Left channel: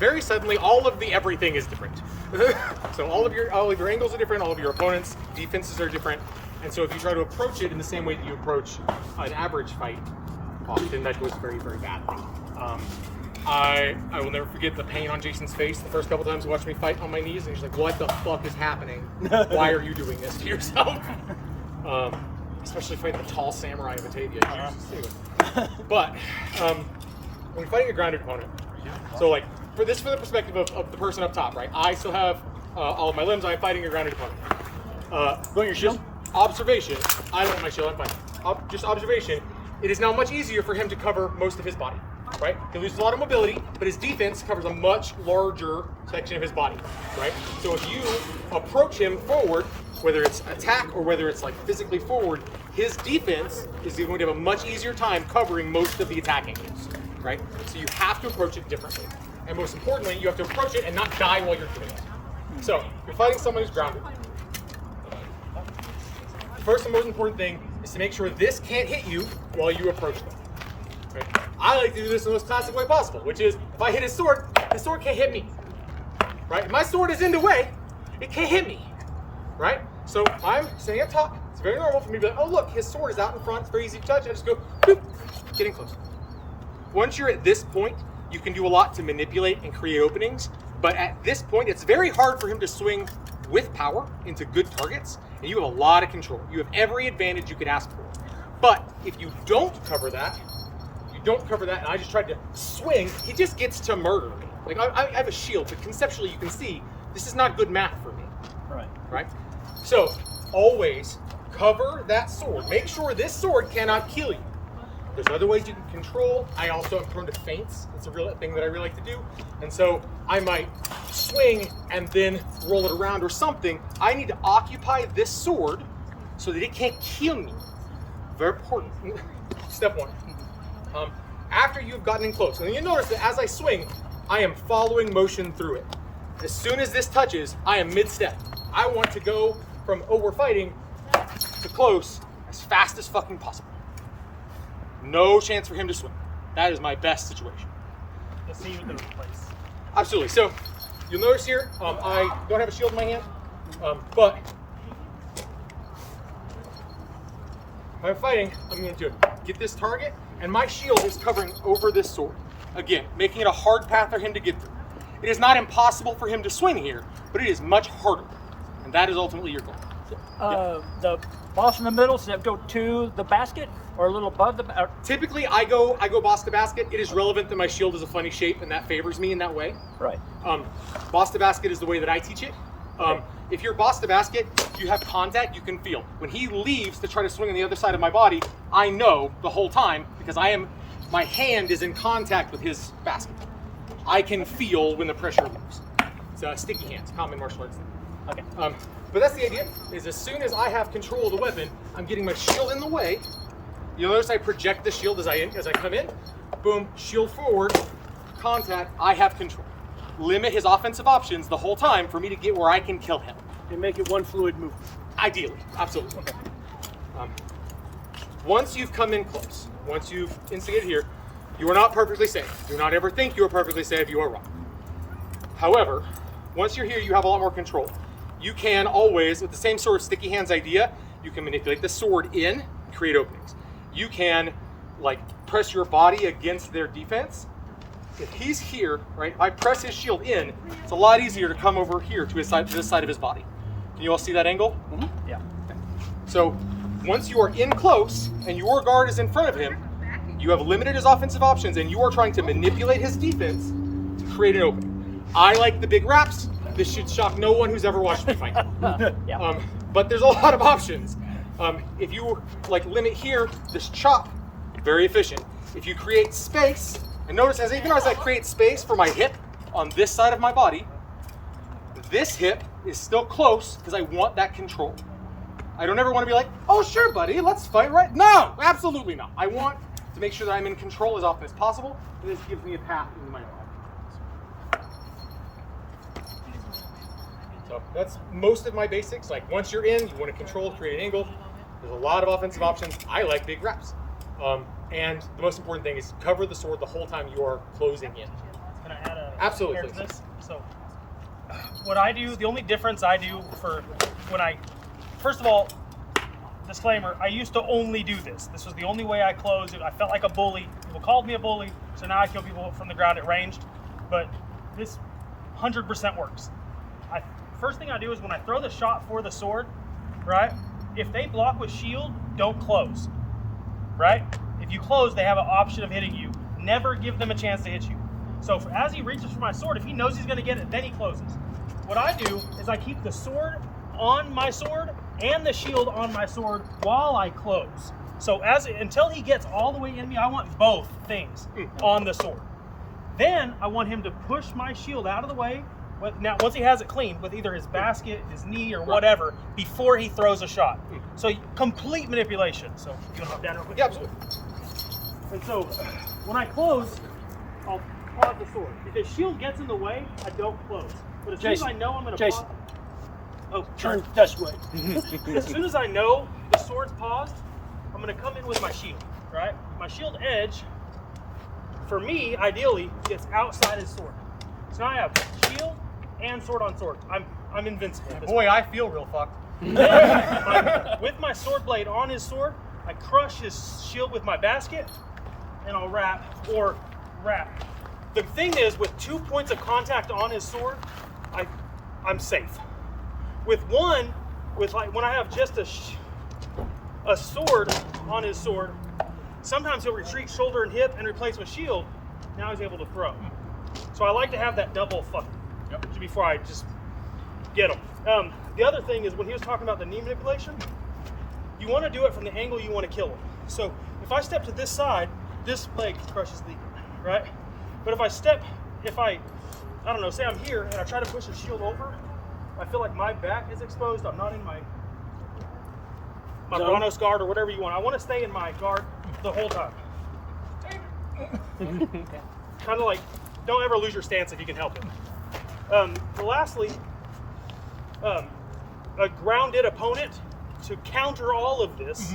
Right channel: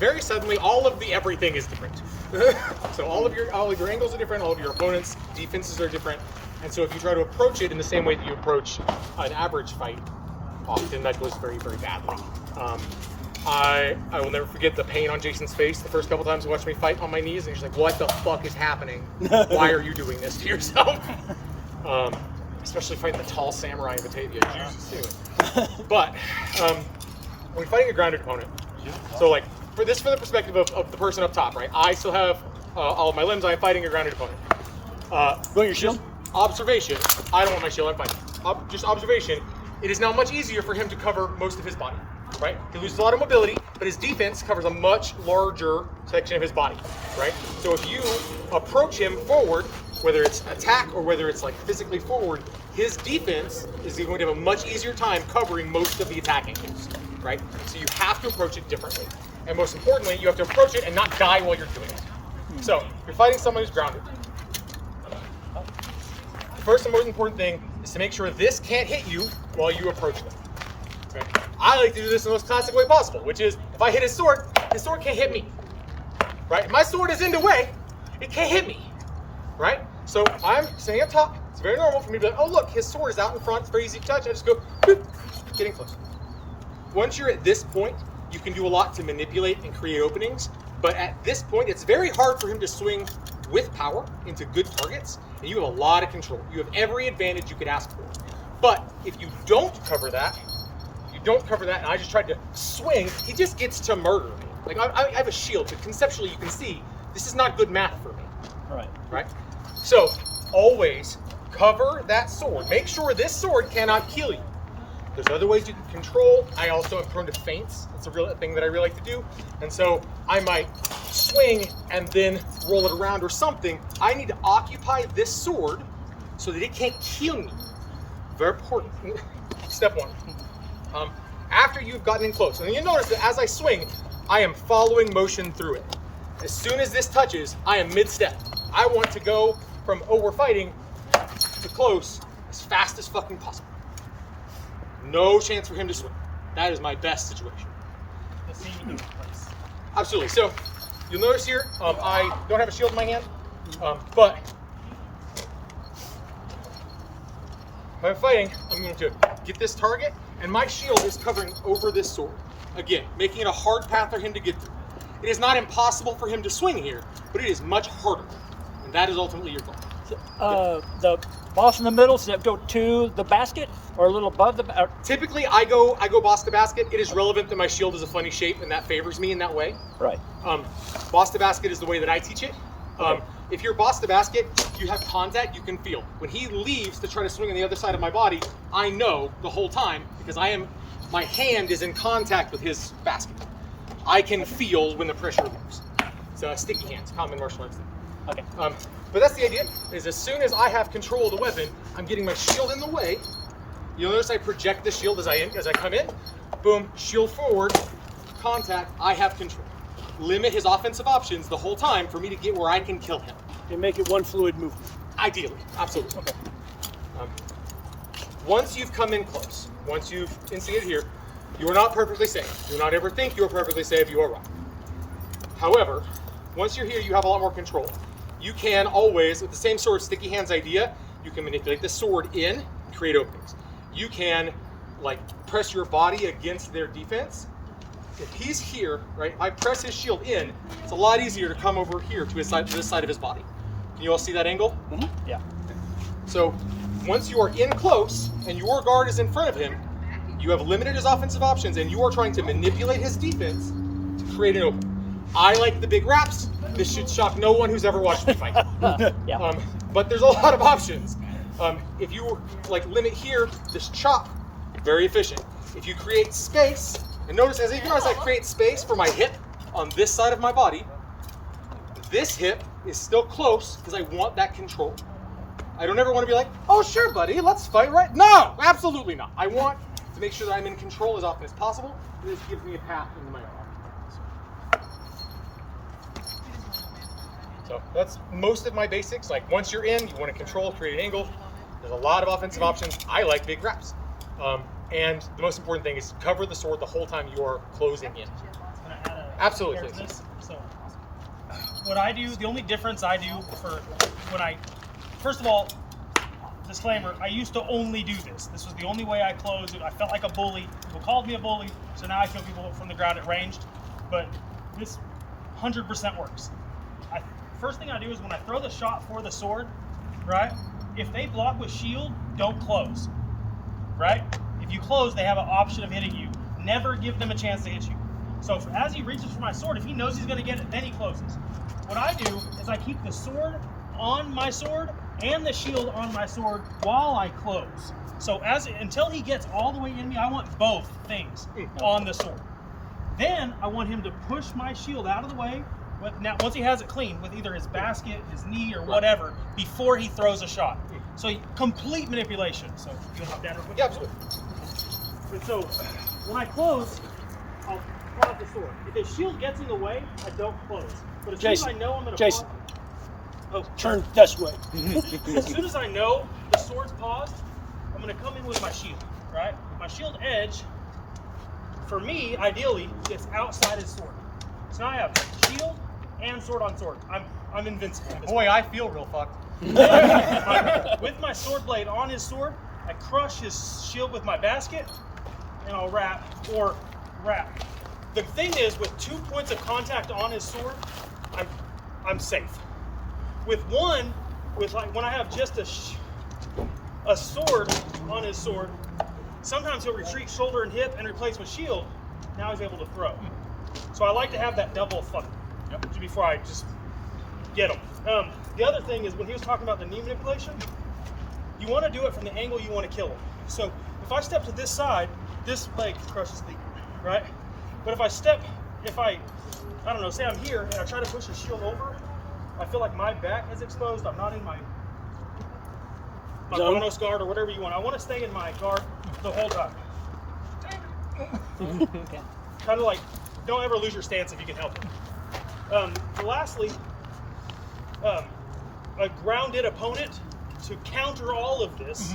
very suddenly all of the everything is different. So all of your angles are different, all of your opponent's defenses are different. And so if you try to approach it in the same way that you approach an average fight, often that goes very, very badly. I will never forget the pain on Jason's face the first couple times he watched me fight on my knees, and he's like, "What the fuck is happening? Why are you doing this to yourself?" Especially fighting the tall samurai of Batavia. But when you're fighting a grounded opponent, so like for the perspective of the person up top, right? I still have all of my limbs. I'm fighting a grounded opponent. Just observation. I don't want my shield. I'm fighting. Just observation. It is now much easier for him to cover most of his body. Right? He loses a lot of mobility, but his defense covers a much larger section of his body, right? So if you approach him forward, whether it's attack or whether it's like physically forward, his defense is going to have a much easier time covering most of the attack angles, right? So you have to approach it differently. And most importantly, you have to approach it and not die while you're doing it. So if you're fighting someone who's grounded, the first and most important thing is to make sure this can't hit you while you approach them. Right? I like to do this in the most classic way possible, which is if I hit his sword can't hit me. Right? If my sword is in the way, it can't hit me. Right? So I'm standing up top. It's very normal for me to be like, oh look, his sword is out in front. It's very easy to touch. I just go, boop, getting close. Once you're at this point, you can do a lot to manipulate and create openings. But at this point, it's very hard for him to swing with power into good targets. And you have a lot of control. You have every advantage you could ask for. But if you don't cover that, and I just tried to swing, he just gets to murder me. Like I have a shield, but conceptually you can see this is not good math for me. Right? So always cover that sword. Make sure this sword cannot kill you. There's other ways you can control. I also am prone to feints. It's a real thing that I really like to do. And so I might swing and then roll it around or something. I need to occupy this sword so that it can't kill me. Very important. Step one. After you've gotten in close, and you notice that as I swing, I am following motion through it. As soon as this touches, I am mid-step. I want to go from, oh, we're fighting, to close as fast as fucking possible. No chance for him to swing. That is my best situation. Let's see what the place. Absolutely. So you'll notice here, I don't have a shield in my hand, but when I'm fighting, I'm going to get this target, and my shield is covering over this sword. Again, making it a hard path for him to get through. It is not impossible for him to swing here, but it is much harder. And that is ultimately your goal. The boss in the middle, does that go to the basket or a little above the Typically, I go boss to basket. It is relevant that my shield is a funny shape, and that favors me in that way. Right. Boss to basket is the way that I teach it. If you're boss to basket, you have contact, you can feel. When he leaves to try to swing on the other side of my body, I know the whole time because my hand is in contact with his basket. I can feel when the pressure leaves. It's sticky hands, common martial arts thing. Okay. But that's the idea, is as soon as I have control of the weapon, I'm getting my shield in the way. You'll notice I project the shield as I come in. Boom, shield forward, contact, I have control. Limit his offensive options the whole time for me to get where I can kill him. And make it one fluid movement. Ideally, absolutely. Once you've come in close, once you've instigated here, you are not perfectly safe. Do not ever think you are perfectly safe, you are wrong. However, once you're here, you have a lot more control. You can always, with the same sort of sticky hands idea, you can manipulate the sword in and create openings. You can press your body against their defense. If he's here, right, if I press his shield in, it's a lot easier to come over here to this side of his body. Can you all see that angle? Mm-hmm. Yeah. Okay. So once you are in close and your guard is in front of him, you have limited his offensive options and you are trying to manipulate his defense to create an opening. I like the big wraps. This should shock no one who's ever watched me fight. Yeah. But there's a lot of options. If you limit here, this chop, very efficient. If you create space, and notice even as I create space for my hip on this side of my body, this hip is still close because I want that control. I don't ever want to be like, oh sure buddy, let's fight right. No, absolutely not. I want to make sure that I'm in control as often as possible. And this gives me a path into my body. So that's most of my basics. Once you're in, you want to control, create an angle. There's a lot of offensive options. I like big wraps. And the most important thing is cover the sword the whole time you are closing in. Can I add a Absolutely, compared to please. this. So, what I do, the only difference I do for when first of all, disclaimer, I used to only do this. This was the only way I closed it. I felt like a bully. People called me a bully, so now I kill people from the ground at ranged. But this 100% works. First thing I do is when I throw the shot for the sword, right? If they block with shield, don't close, right? If you close, they have an option of hitting you. Never give them a chance to hit you. So as he reaches for my sword, if he knows he's going to get it, then he closes. What I do is I keep the sword on my sword and the shield on my sword while I close. So until he gets all the way in me, I want both things on the sword. Then I want him to push my shield out of the way. Now, once he has it clean with either his basket, his knee, or whatever, before he throws a shot. So complete manipulation. So you want to hop down real quick? Yeah, absolutely. And so when I close, I'll pause the sword. If his shield gets in the way, I don't close. But as soon as I know I'm going to pause. Oh, Turn this way. As soon as I know the sword's paused, I'm going to come in with my shield, right? My shield edge, for me, ideally, gets outside his sword. So now I have shield and sword on sword. I'm invincible. Boy, I feel real fucked. With my sword blade on his sword, I crush his shield with my basket, and I'll wrap. The thing is, with 2 points of contact on his sword, I'm safe. With one, when I have just a sword on his sword, sometimes he'll retreat shoulder and hip and replace with shield. Now he's able to throw. So I like to have that double fuck before I just get him. The other thing is when he was talking about the knee manipulation, you want to do it from the angle you want to kill him. So if I step to this side, this leg crushes the right? But if I don't know, say I'm here and I try to push his shield over, I feel like my back is exposed. I'm not in my Bonos guard or whatever you want. I want to stay in my guard the whole time. Kind of like, don't ever lose your stance if you can help it. Lastly, a grounded opponent, to counter all of this,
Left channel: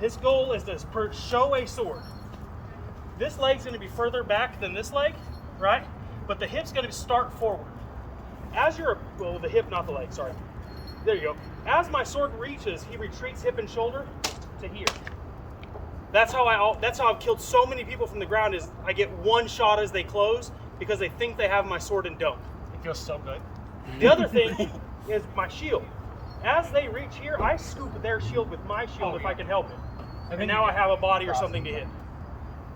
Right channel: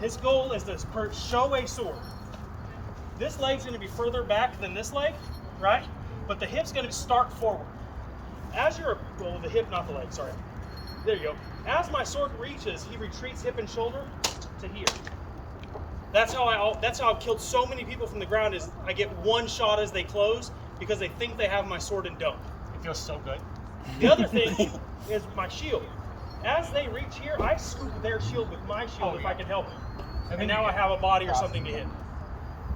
his goal is to show a sword. This leg's going to be further back than this leg, right? But the hip's going to start forward. The hip, not the leg, sorry. There you go. As my sword reaches, he retreats hip and shoulder to here. That's how I've killed so many people from the ground, is I get one shot as they close because they think they have my sword and don't. It feels so good. The other thing is my shield. As they reach here, I scoop their shield with my shield if I can help it. And now I have a body or something to hit.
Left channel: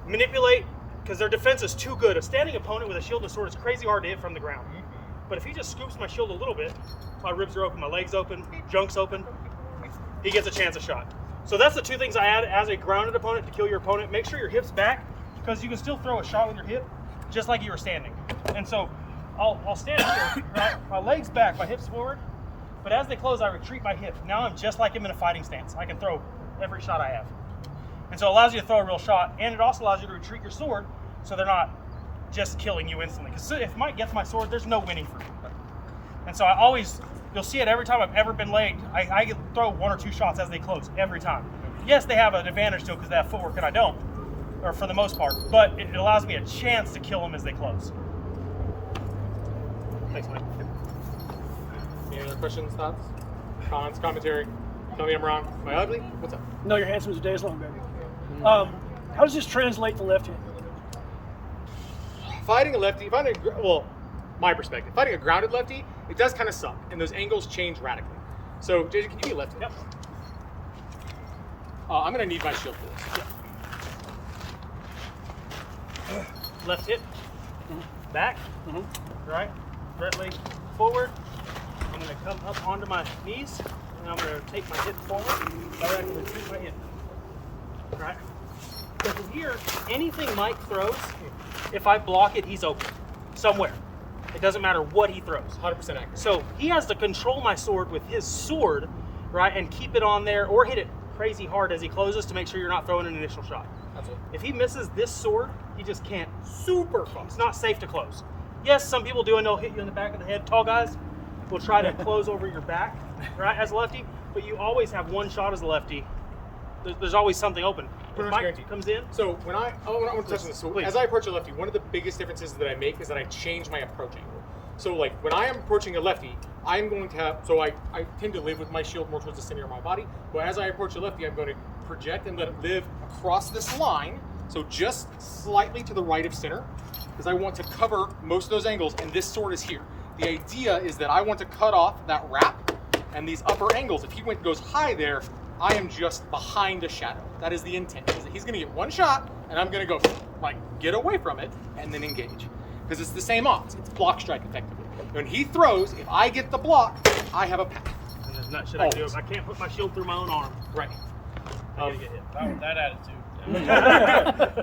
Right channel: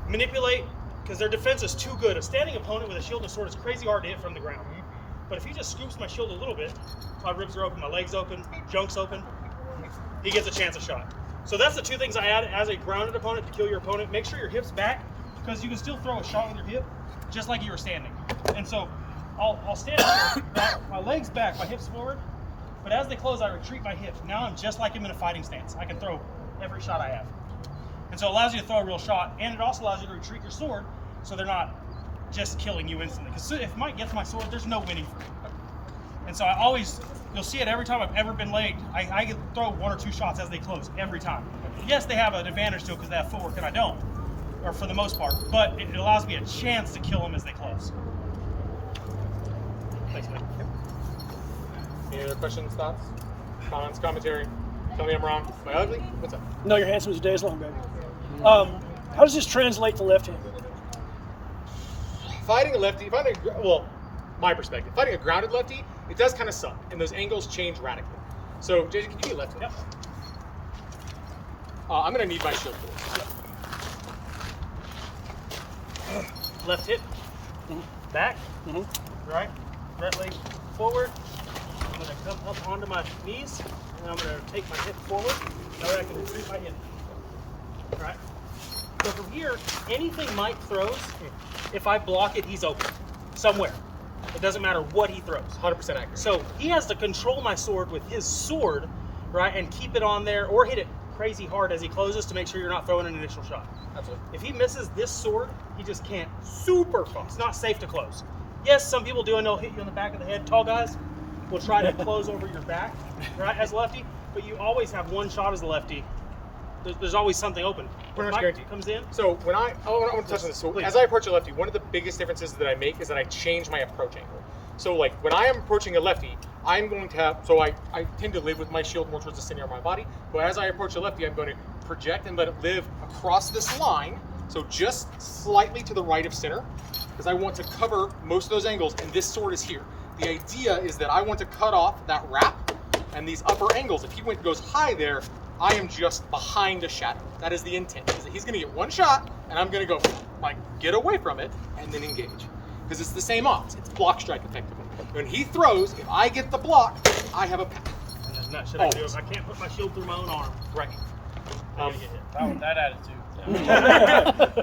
Manipulate, because their defense is too good. A standing opponent with a shield and sword is crazy hard to hit from the ground. But if he just scoops my shield a little bit, my ribs are open, my legs open, junk's open, he gets a chance of shot. So that's the two things I add as a grounded opponent to kill your opponent. Make sure your hip's back, because you can still throw a shot with your hip, just like you were standing. And so I'll stand here, right? My legs back, my hips forward, but as they close, I retreat my hip. Now I'm just like him in a fighting stance. I can throw every shot I have. And so it allows you to throw a real shot, and it also allows you to retreat your sword, so they're not just killing you instantly. Because if Mike gets my sword, there's no winning for me. And so you'll see it every time I've ever been laid. I throw 1 or 2 shots as they close, every time. Yes, they have an advantage still because they have footwork and I don't, or for the most part, but it allows me a chance to kill them as they close. Thanks, Mike. Yep. Any other questions, thoughts, comments, commentary? Tell me I'm wrong. Am I ugly? What's up? No, you're handsome as a day is long, baby. How does this translate to left hand? Fighting a lefty, my perspective, fighting a grounded lefty, it does kind of suck, and those angles change radically. So, JJ, can you be lefty? Yep. I'm going to need my shield for this. Yep. Left hip, back, right leg forward. I'm going to come up onto my knees, and I'm going to take my hip forward. That way I can retreat my hip. Right? So from here, anything Mike throws, if I block it, he's open. Somewhere. It doesn't matter what he throws. 100% accurate. So he has to control my sword with his sword, right, and keep it on there, or hit it crazy hard as he closes to make sure you're not throwing an initial shot. That's it. If he misses this sword, he just can't. It's not safe to close. Yes, some people do, and they'll hit you in the back of the head. Tall guys will try to close over your back, right, as a lefty, but you always have one shot as a lefty. There's always something open. pretty much Mike guaranteed. comes in. So when I want to touch on this. So Please. as I approach a lefty, one of the biggest differences that I make is that I change my approach angle. So like when I am approaching a lefty, I'm going to have, so I tend to live with my shield more towards the center of my body, but as I approach a lefty, I'm going to project and let it live across this line, so just slightly to the right of center, because I want to cover most of those angles, and this sword is here. The idea is that I want to cut off that wrap and these upper angles. If he goes high there, I am just behind a shadow. That is the intent, is that he's gonna get one shot, and I'm gonna go, like, get away from it, and then engage. Because it's the same odds. It's block strike effectively. When he throws, if I get the block, I have a path. And there's not shit I can do if I can't put my shield through my own arm. Right. I'm gonna get hit. Not with that attitude.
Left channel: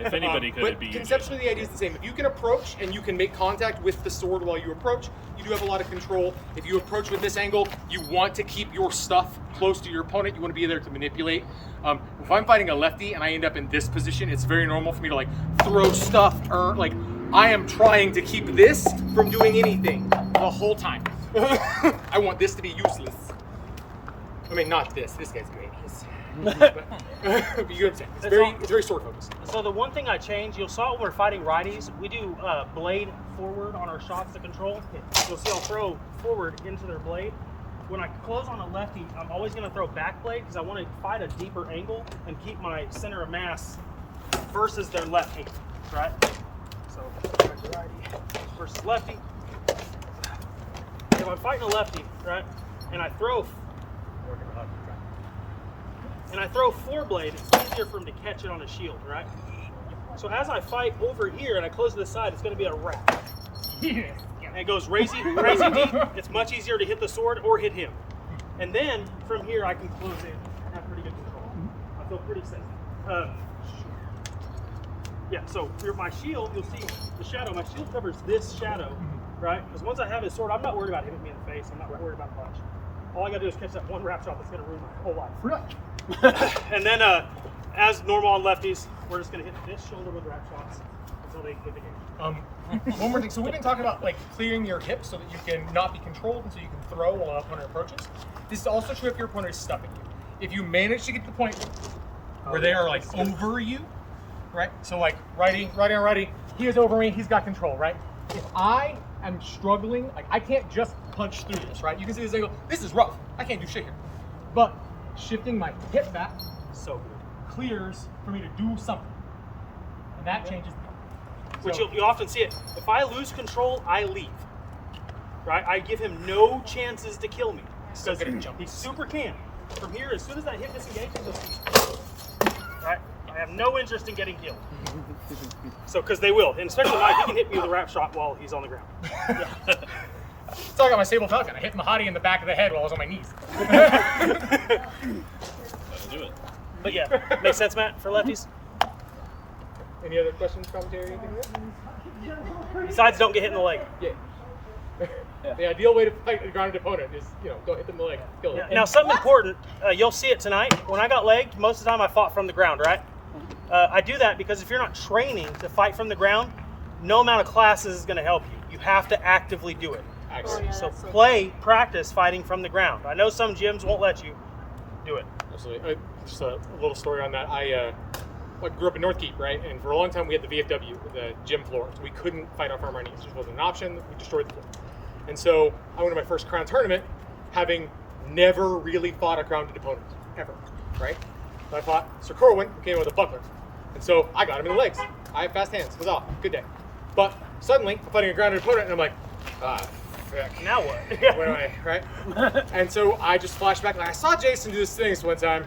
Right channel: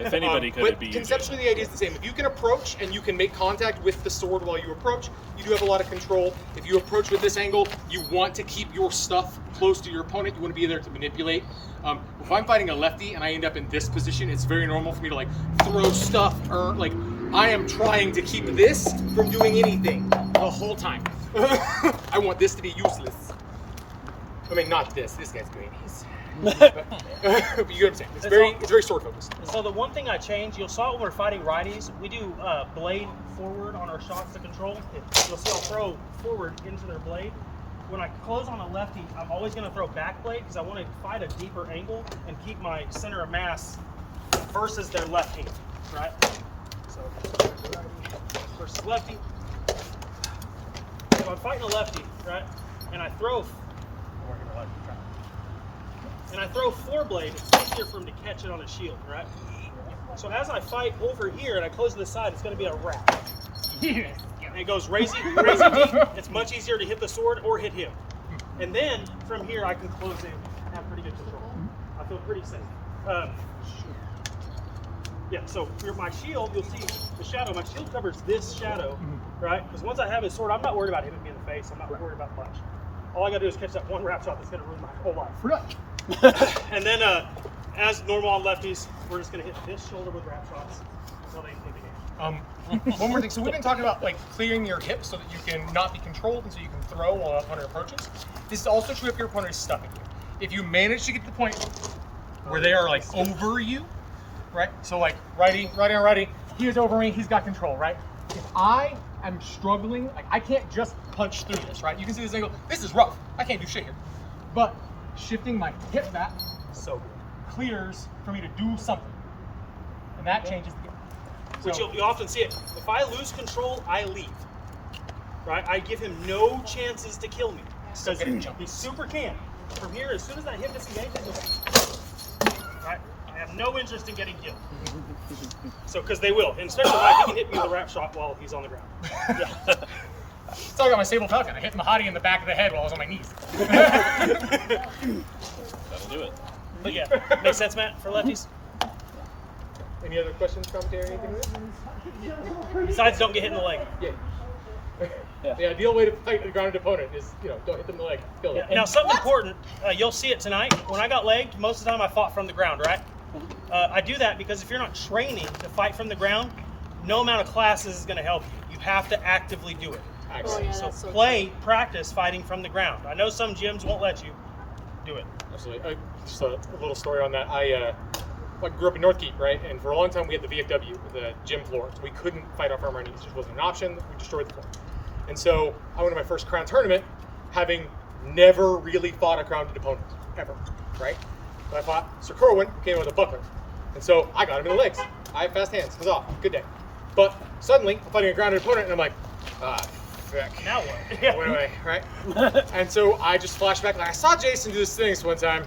If anybody could, But it'd be you, conceptually, the idea is the same. If you can approach and you can make contact with the sword while you approach, you do have a lot of control. If you approach with this angle, you want to keep your stuff close to your opponent. You want to be there to manipulate. If I'm fighting a lefty and I end up in this position, it's very normal for me to like throw stuff or like I am trying to keep this from doing anything the whole time. I want this to be useless. I mean, not this. This guy's great. But you understand. It's very sword focused. So the one thing I changed, you'll saw when we're fighting righties, we do blade forward on our shots to control. You'll see I'll throw forward into their blade. When I close on a lefty, I'm always going to throw back blade because I want to fight a deeper angle and keep my center of mass versus their left hand, right? So righty versus lefty. If I'm fighting a lefty, right, and I throw, I'm working real hard. And I throw four-blade, it's easier for him to catch it on his shield, right? So as I fight over here and I close to the side, it's going to be a wrap. And it goes crazy deep. It's much easier to hit the sword or hit him. And then from here, I can close in and have pretty good control. I feel pretty safe. Yeah, so for my shield, you'll see the shadow. My shield covers this shadow, right? Because once I have his sword, I'm not worried about hitting me in the face. I'm not worried about much. All I got to do is catch that one wrap shot that's going to ruin my whole life. And then, as normal on lefties, we're just going to hit this shoulder with wrap shots until they win the game. One more thing. So we've been talking about like clearing your hips so that you can not be controlled and so you can throw while an opponent approaches. This is also true if your opponent is stuffing you. If you manage to get to the point where they are like over you, right? So like righty on righty, he is over me, he's got control, right? If I am struggling, like I can't just punch through this, right? You can see this angle. This is rough. I can't do shit here. But shifting my hip back So good. clears for me to do something. And that changes the game. Which So- you often see it. If I lose control, I leave. Right? I give him no chances to kill me. So Because good at jumping. he super can. From here, as soon as that hip disengages, right? I have no interest in getting killed. So, because they will. And especially Mike, he can hit me with a wrap shot while he's on the ground. So I got my Sable Falcon. I hit Mahadi in the back of the head while I was on my knees. That'll do it. But yeah, makes sense, Matt, for lefties? Any other questions, commentary, anything like that? Besides, don't get hit in the leg. Yeah. The ideal way to fight a grounded opponent is, don't hit them in the leg, kill them. Now, something important, you'll see it tonight. When I got legged, most of the time I fought from the ground, right? I do that because if you're not training to fight from the ground, no amount of classes is going to help you. You have to actively do it. Actually, So practice fighting from the ground. I know some gyms won't let you do it. absolutely. Just a little story on that. I grew up in North Keep, right? And for a long time we had the VFW, the gym floor. So we couldn't fight off our knees. It just wasn't an option. We destroyed the floor. And so I went to my first Crown tournament, having never really fought a grounded opponent, ever, right? So I fought Sir Corwin, who came in with a buckler. And so I got him in the legs. I have fast hands. Huzzah, good day. But suddenly, I'm fighting a grounded opponent, and I'm like, frick. Now what? What do I, right? And so I just flashed back, like, I saw Jason do this thing this one time.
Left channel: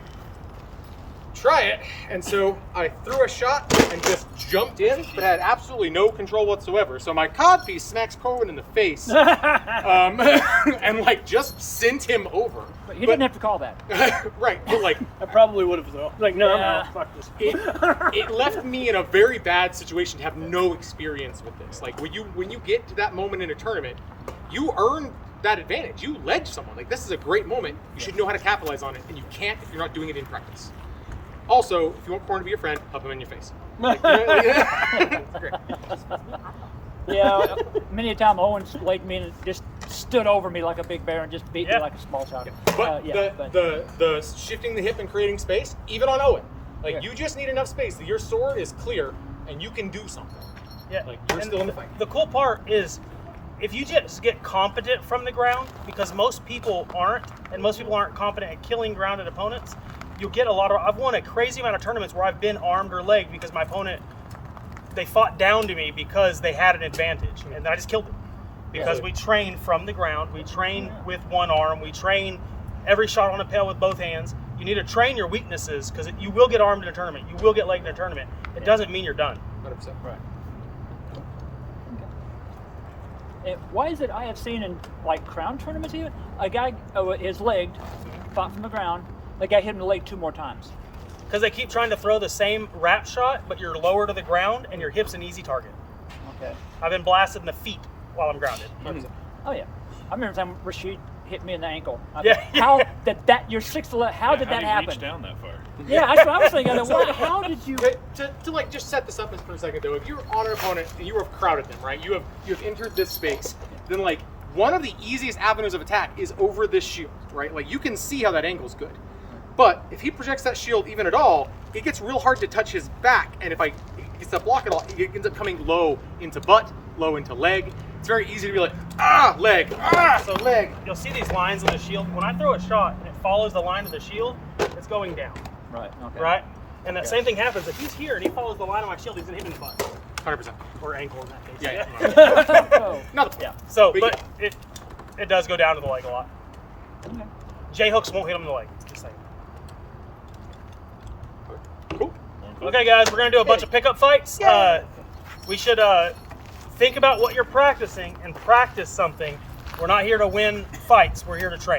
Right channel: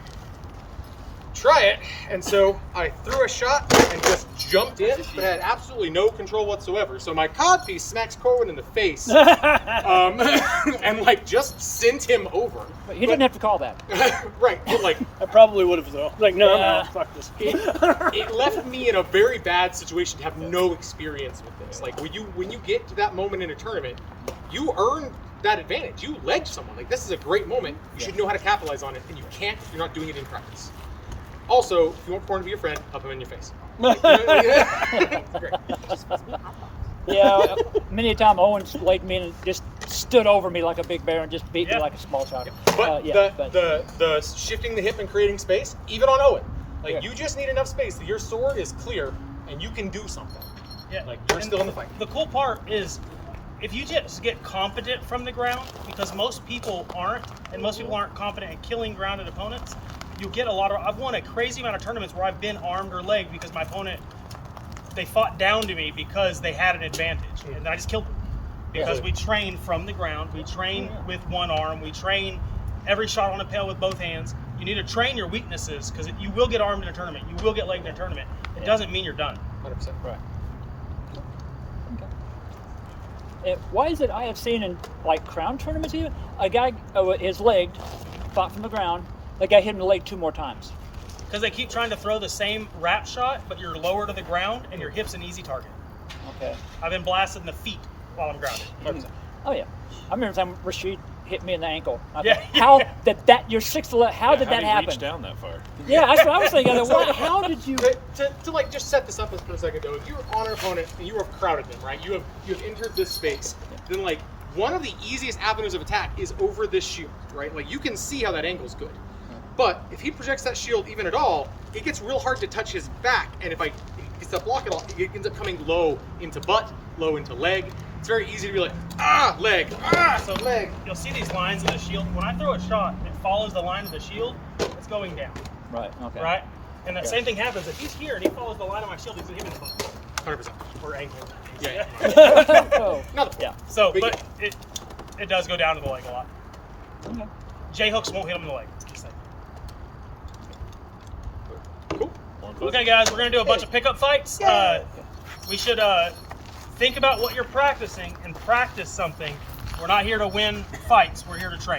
Try it. And so I threw a shot and just jumped in, but had absolutely no control whatsoever. So my codpiece smacks Corwin in the face, and like just sent him over. But you didn't have to call that. Right, but like I probably would have though. Like, no, fuck this. it left me in a very bad situation to have no experience with this. Like when you get to that moment in a tournament, you earn that advantage. You ledge someone. Like this is a great moment. You should know how to capitalize on it, and you can't if you're not doing it in practice. Also, if you want Corn to be your friend, help him in your face. Like, it's great. Yeah, many a time Owens legged me and just stood over me like a big bear and just beat me like a small child. But the shifting the hip and creating space, even on Owen, Like Yeah. you just need enough space that your sword is clear and you can do something. Yeah. Like you're And still in the fight. The cool part is if you just get competent from the ground, because most people aren't, and most people aren't competent at killing grounded opponents, you'll get a lot of. I've won a crazy amount of tournaments where I've been armed or legged because my opponent, they fought down to me because they had an advantage, and I just killed them. Because we train from the ground, we train with one arm, we train every shot on a pail with both hands. You need to train your weaknesses because you will get armed in a tournament, you will get legged in a tournament. It doesn't mean you're done. 100%. Right. And why is it I have seen in like crown tournaments even a guy is legged, fought from the ground. The guy hit him in the leg 2 more times. Because they keep trying to throw the same wrap shot, but you're lower to the ground and your hip's an easy target. Okay. I've been blasted in the feet while I'm grounded. 100%. Oh yeah. I remember the time Rashid hit me in the ankle. I Yeah, thought, how did that? You're 6'11". How did that How happen? reach down that far? Yeah, that's what I was thinking. How did you? To like just set this up for a second though, if you're on an opponent and you have crowded them, right? You have entered this space, then like one of the easiest avenues of attack is over this shield, right? Like you can see how that angle's good. But if he projects that shield even at all, it gets real hard to touch his back, and if he gets that block at all, it ends up coming low into butt, low into leg. It's very easy to be like, leg, So leg. you'll see these lines in the shield. When I throw a shot and it follows the line of the shield, it's going down, Right. Okay. right? And that same thing happens. If he's here and he follows the line of my shield, he's gonna hit me in the butt 100%. or ankle in that case. Yeah. Not the Yeah. So, Big but it does go down to the leg a lot. Okay. J hooks won't hit him in the leg. Just saying. Cool. Okay, guys, we're gonna do a bunch of pickup fights. We should think about what you're practicing and practice something. We're not here to win fights. We're here to train.